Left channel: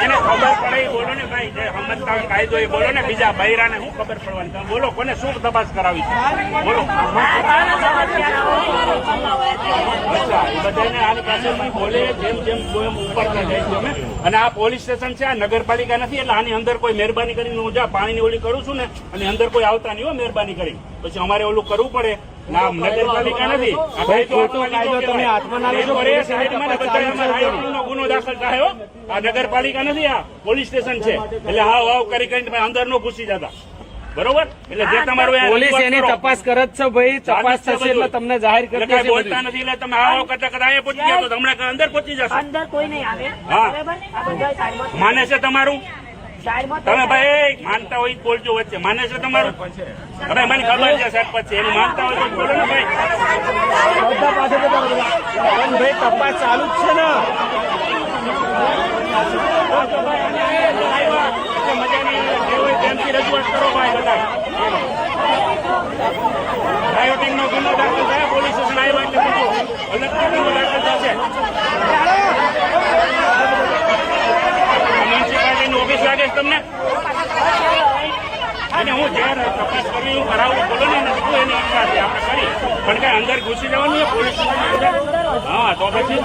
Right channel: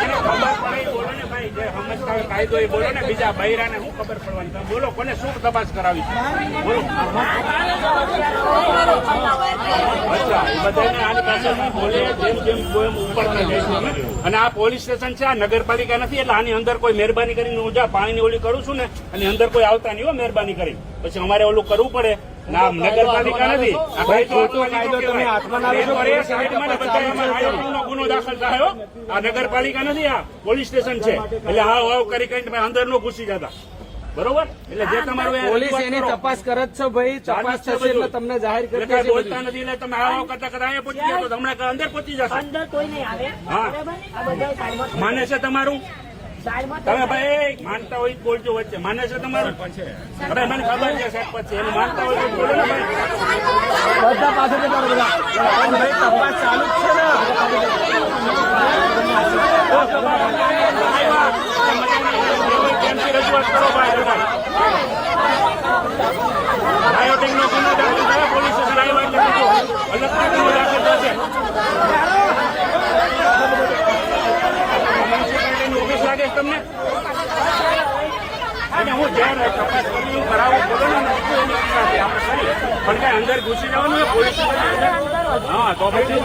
જેને ખબર પડે એ બોલો ને ભાઈ, જે સમજતા હોય કાયદો એ બોલો ને. બીજા બૈરાને શું ખબર પડવાની? તમે બોલો, કોને શું તપાસ કરાવી છે બોલો. અચ્છા, એ બધાને આની પાસેથી બોલે જેમ જેમ ઉપરતા જાય છે અમે. અને આ પોલીસ સ્ટેશન છે, આ નગરપાલિકા નથી, એટલે આની અંદર કોઈ મહેરબાની કરીને હું જ્યાં પાણીની ઓલી કરું છું ને, અને અંદર કોઈ આવતા નહીં હો મહેરબાની કરીને. પછી અમારે ઓલું કરવું પડે. ના, નગરપાલિકા નથી. ગુનો દાખલ થાય. આ નગરપાલિકા નથી, આ પોલીસ સ્ટેશન છે. એટલે હાવ હાવ કરી કરીને અંદર નો ઘૂસી જતા. બરોબર? એટલે જે તમારું તપાસ કરે છે ભાઈ, તપાસ થશે એટલે તમને જાહેર કરે. બોલતા નથી એટલે તમે હાવ કરતા કરતા અહીંયા પહોંચી જાવ તો હમણાં અંદર પહોંચી જશો. અંદર કોઈ નહીં આવે. હા, માને છે તમારું? તમે ભાઈ માનતા હોય બોલજો વચ્ચે. માને છે તમારું? હવે મને ખબર છે સાહેબ પછી એનું માનતા હોય તો બોલો ને ભાઈ. તપાસ ચાલુ જ છે ને. રજૂઆત કરો ભાઈ. રાયોટિંગ નો ગુનો દાખલ થયા, પોલીસ સ્ટેશન આવ્યા એટલે બીજો અલગથી ગુનો દાખલ થશે. મ્યુનિસિપાલિટીની ઓફિસ લાગે છે તમને? અને હું જયારે તપાસ કરી હું કરાવું બોલો ને, એની ઈચ્છા હતી આપણે કરી, પણ કઈ અંદર ઘૂસી જવાનું છે પોલીસ સ્ટેશન? હા, તો પછી